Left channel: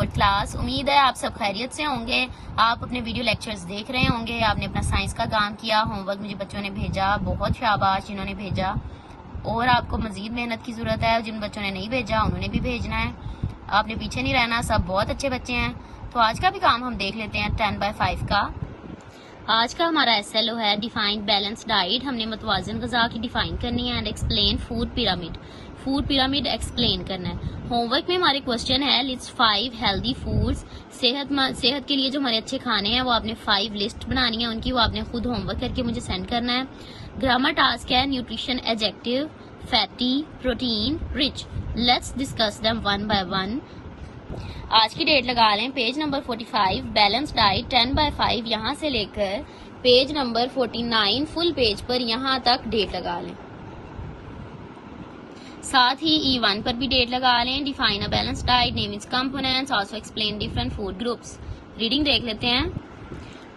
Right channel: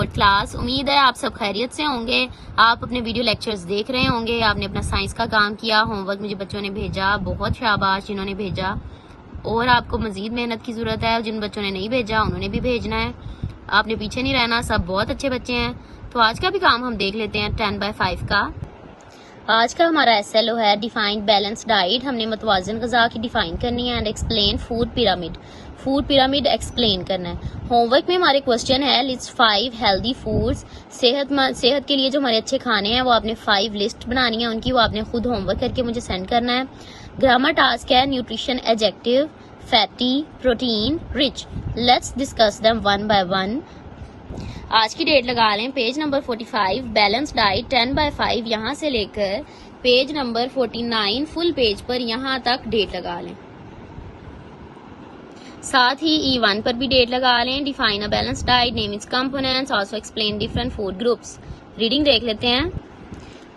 Fourth class. उम्मीद है आप सब खैरियत से होंगे। आप अपने वीडियो लेक्चर्स देख रहे होंगे। आपने अपना साइंस का काम किया, होमवर्क मुझे बच्चों ने भेजा, बहुत शाबाश जिन्होंने भेजा। और आपको मजीद मेहनत की ज़रूरत है। जिन बच्चों ने नहीं भेजा उन्होंने भी भेजना है। आपने पीछे नहीं रहना, सब बहुत अच्छे बच्चे हैं। तो आज का भी काम हम देख लेते हैं 10/5 का। आज का हमारा SLO है डिफाइंड बैलेंस डाइट। हमने मतवाजन ग़िज़ा की डिफाइन करनी है and explain food pyramid. Food pyramid explain करना है। होमवर्क में हमारे क्वेश्चन है लिस्ट 5 हेल्दी फूड्स। सेहत के लिए जो हमारे अच्छे खाने हैं वो आपने 5 लिस्ट बनानी है उनकी, वो आपने खुद होमवर्क करके मुझे सेंड करना है। ग्रामर टास्क है nutrition adjective, fatty, protein, rich. Let's discuss them one by one. आज की डेट लगा लें पेज नंबर 45 बैलेंस डाइट 10/5 यहाँ से लेकर पेज नंबर 49 फुल पेज पर यहाँ तक डेट लगा लें। साथ ही E1 पर भी डेट लगा लें। Define a balance diet, name it's components, also explain different food groups. Reading देख लेते हैं।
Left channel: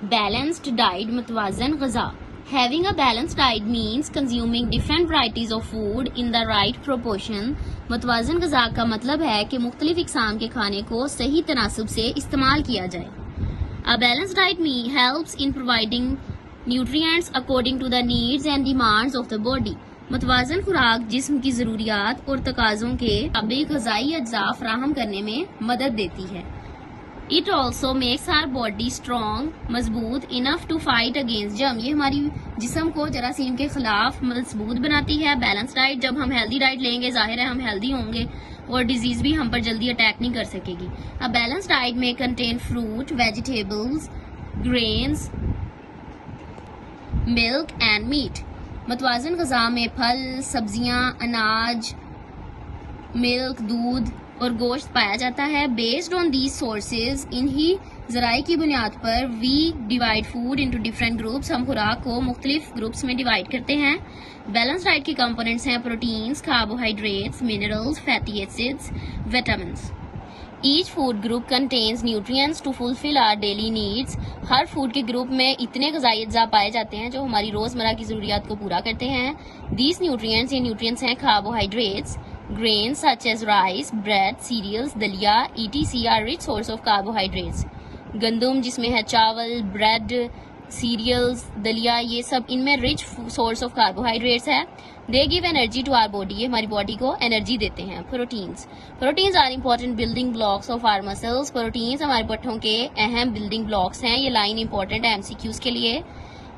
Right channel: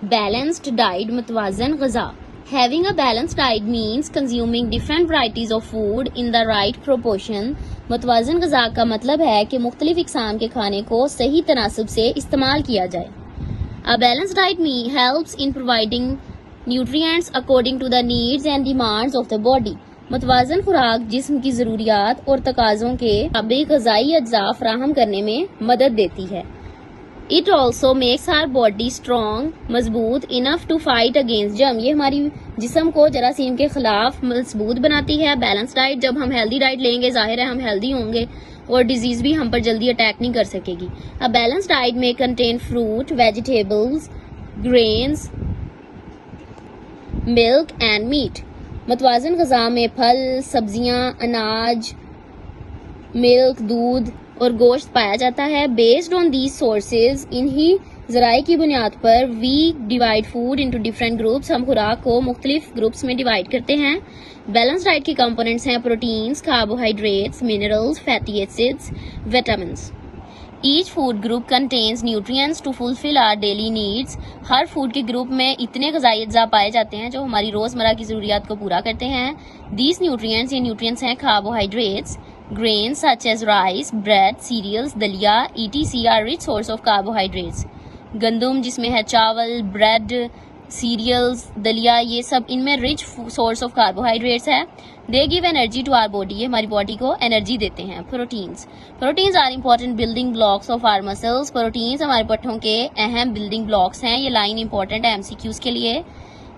बैलेंस्ड डाइट मतवाजन ग़िज़ा। Having a balanced diet means consuming different varieties of food in the right proportion. मतवाज़न ग़िज़ा का मतलब है कि मुख्तलिफ इक़साम के खाने को सही तनासब से इस्तेमाल किया जाए। A balanced diet helps in providing nutrients according to the needs and demands of the body. मतवाज़न खुराक जिस्म की ज़रूरियात और तकाज़ों के मुताबिक ग़िज़ाई अज्जा फराहम करने में मदद देती है। It also makes our body strong, मजबूत, enough to fight against germ. ये हमारी जिस्म को जरासीम के खिलाफ मजबूत बनाती है। बैलेंस डाइट, जब हम हेल्दी डाइट लेंगे जाहिर है हम हेल्दी होंगे और डिजीज भी हम पर जल्दी अटैक नहीं कर सकेगी। A balanced diet may contain fruit, vegetables, grains, milk and meat. मतवाज़न ग़िज़ा में फल, सब्जियां, अनाज, मिल्क, दूध और गोश्त पाया जाता है। बेस्ड ऑन दीज सोर्सेज, इन्हीं ज़राए की बुनियाद पर we divide food into different groups. हम खुराक को मुख्तलिफ ग्रुप्स में डिवाइड करते हैं। बैलेंस डाइट की कंपोनेंट्स हैं proteins, carbohydrates, minerals, fatty acids, vitamins. Each food group contains nutrients to fulfil our daily needs. हर फूड के ग्रुप में इतने ग़िज़ाई अज्जा पाए जाते हैं जो हमारी रोज़मर्रा की ज़रूरियात को पूरा करते हैं। दीज न्यूट्रिएंट्स, ये न्यूट्रिएंट्स हैं carbohydrates, grains such as rice, bread, cereals, दलिया, etc. are rich source of carbohydrates. गंदम जिसमें है चावल, ब्रेड, सीरियल्स, दलिया, ये सब इनमें रिच सोर्स ऑफ कार्बोहाइड्रेट्स है। They give energy to our body, ये हमारी बॉडी को एनर्जी देते हैं। Proteins are important building blocks of our muscles. Proteins हमारे पट्ठों के अहम बिल्डिंग ब्लॉक्स हैं। ये लाइन इंपॉर्टेंट है MCQs के लिए।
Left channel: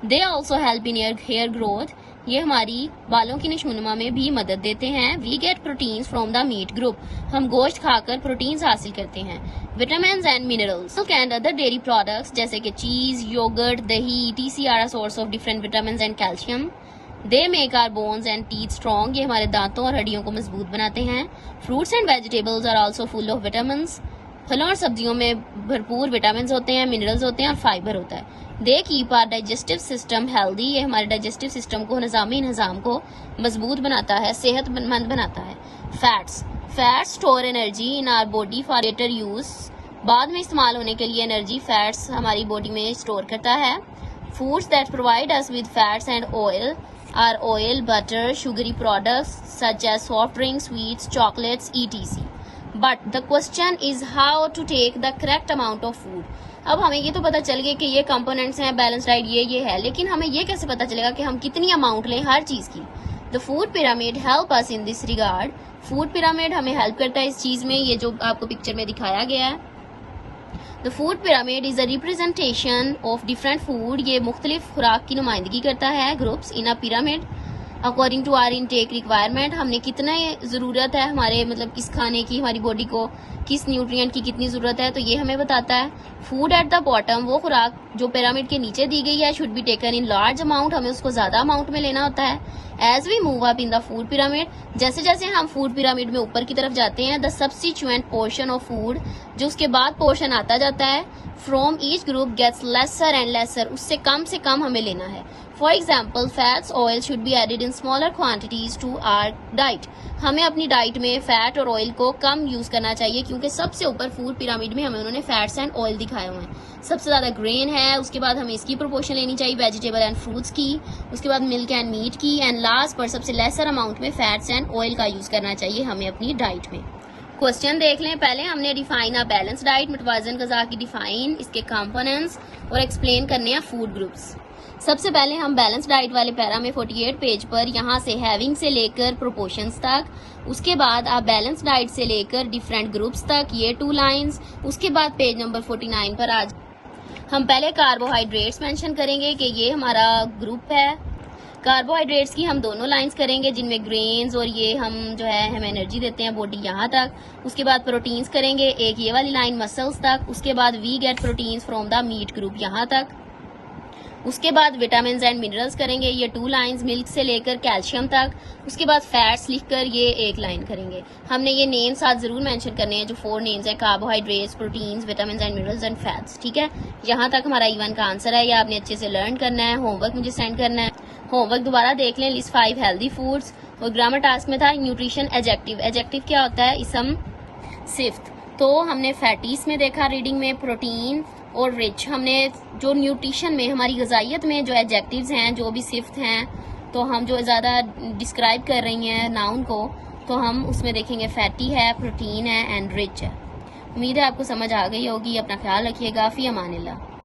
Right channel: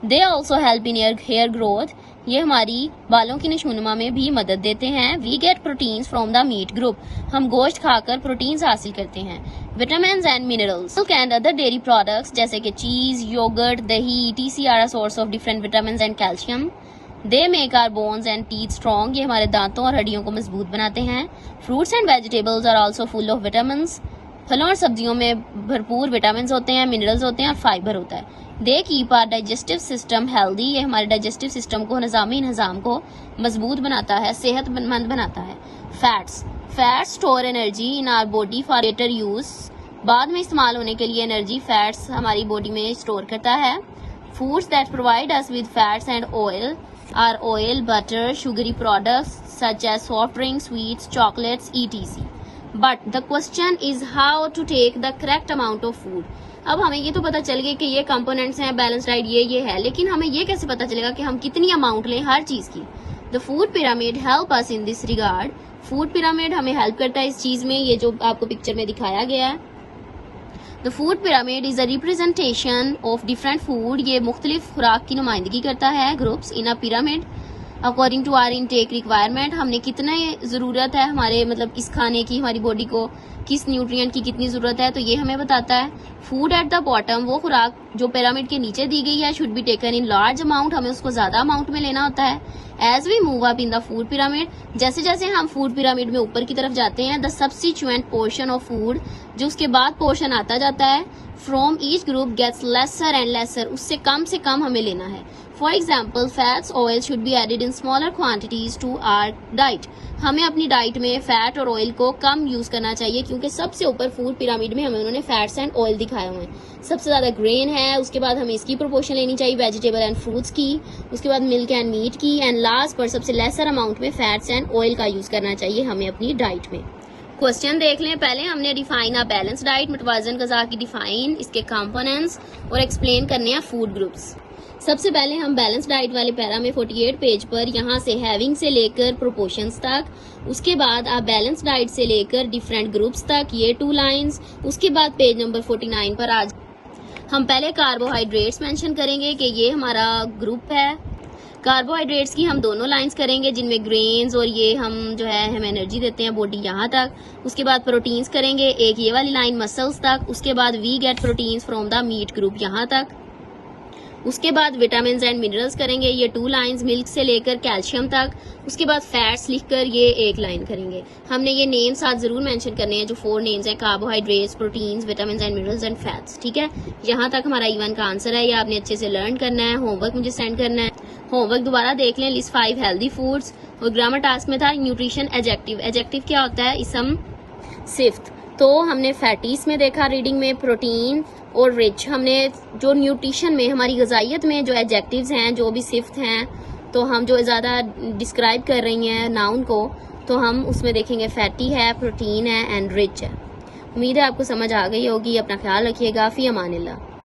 They also help in hair growth, ये हमारी बालों की नशोनुमा में भी मदद देते हैं। We get proteins from the meat group, हम गोश्त खाकर प्रोटीन्स हासिल करते हैं। Vitamins and minerals, milk and other dairy products जैसे कि चीज, योगर्ट, दही, etc. Are a source of different vitamins and calcium. They make our bones and teeth strong, ये हमारे दांतों और हड्डियों को मजबूत बनाते हैं। Fruits and vegetables are also full of vitamins, फलों और सब्जियों में भरपूर विटामिन्स होते हैं, मिनरल्स होते हैं और फाइबर होता है। They keep our digestive system healthy, ये हमारे डाइजेस्टिव सिस्टम को, निज़ामी निज़ाम को मजबूत बनाता है, सेहतमंद बनाता है। Fats store energy in our body for later use, बाद में इस्तेमाल होने के लिए एनर्जी फैट्स हमारी बॉडी में स्टोर करता है। Foods that provide us with fats and oil are oil, butter, sugary products such as soft drinks, sweets, chocolates, etc. But the question is how to take the correct amount of food. अब हमें ये तो पता चल गया कि ये components हैं, बैलेंस डाइट ये है, लेकिन हमें ये कैसे पता चलेगा कि हम कितनी अमाउंट लें हर चीज की। The food pyramid help us in this regard, food pyramid हमें हेल्प करता है इस चीज में, ये जो आपको पिक्चर में दिखाया गया है। The food pyramid is a representation of different food, ये मुख्तलिफ खुराक की नुमाइंदगी करता है। Groups in a pyramid according to our intake requirement, हमने कितना ज़रूरत है हमारे मतलब इस खाने की, हमारी बॉडी को किस न्यूट्रिएंट की कितनी ज़रूरत है, तो ये हमें बताता है। फूड एट द बॉटम, वो खुराक जो पिरामिड के नीचे दी गई है, should be taken in large amount, हमें उसको ज़्यादा अमाउंट में लेना होता है। As we move up in the food pyramid, जैसे जैसे हम फूड पिरामिड में ऊपर की तरफ जाते हैं, the substituent portion of food, जो उसके बाद पोर्शन आता जाता है, from each group gets lesser and lesser, उससे कम हमें लेना है। For example fats, oil should be added in smaller quantities to our diet, हमें अपनी डाइट में फैट और ऑयल को कम यूज करना चाहिए, क्योंकि सबसे ऊपर फूड पिरामिड में हमें उन्होंने फैट्स एंड ऑयल दिखाए हुए हैं। सबसे ज्यादा ग्रेन है, उसके बाद हमें इसकी प्रोपोर्शन लेनी चाहिए वेजिटेबल एंड फ्रूट्स की, उसके बाद मिल्क एंड मीट की, एंड लास्ट पर सबसे लेसर अमाउंट में फैट्स एंड ऑयल का यूज करना चाहिए हमें अपनी डाइट में। क्वेश्चन देख लें। पहले हमने डिफाइन अ बैलेंस डाइट, मुतवाज़न ग़िज़ा की डिफाइन, इसके कंपोनेंट्स और एक्सप्लेन करने हैं फूड ग्रुप्स। सबसे पहले हम बैलेंस डाइट वाले पैरा में 48 पेज पर यहाँ से हैविंग से लेकर प्रोपोर्शंस तक, उसके बाद आप बैलेंस डाइट से लेकर डिफरेंट ग्रुप्स तक, ये 2 लाइंस। उसके बाद पेज नंबर 49 पर आज हम पहले कार्बोहाइड्रेट्स मेंशन करेंगे कि ये हमारा ग्रुप है। कार्बोहाइड्रेट्स की हम दोनों लाइंस करेंगे जिनमें ग्रेन्स और ये हम जो है हम एनर्जी देते हैं बॉडी यहाँ तक। उसके बाद प्रोटीन्स करेंगे, एक ये वाली लाइन मसल्स तक। उसके बाद we get proteins from the meat group यहाँ तक। उसके बाद विटामिन एंड मिनरल्स करेंगे, ये 2 लाइंस, मिल्क से लेकर कैल्शियम तक। उसके बाद फैट्स लिखकर ये 1 लाइन करेंगे। हमने ये नेम्स आज जरूर मेंशन करने हैं जो 4 नेम्स हैं, carbohydrates, proteins, vitamin and minerals and fats. ठीक है, यहाँ तक हमारा इवन का आंसर है। ये आपने अच्छे से लर्न करना है, होमवर्क मुझे सेंड करना है। होमवर्क दोबारा देख लें। लिस्ट 5 हेल्दी फूड्स और ग्रामर टास्क में था न्यूट्रिशन एडजेक्टिव। एडजेक्टिव क्या होता है? इसम, सिफ्त। तो हमने फैटीज में देखा रीडिंग में प्रोटीन और रिच। हमने जो न्यूट्रिशन में हमारी ग़िज़ाइयत में जो एडजेक्टिव्स हैं, जो भी सिफ्त हैं, तो हम जो ज़्यादा डिस्क्राइब कर रही हैं नाउन को, तो हम उसमें देखेंगे फैटी है, प्रोटीन है एंड रिच है। उम्मीद है आपको समझ आ गई होगी। अपना ख्याल रखिएगा। फ़ी अमानिल्लाह।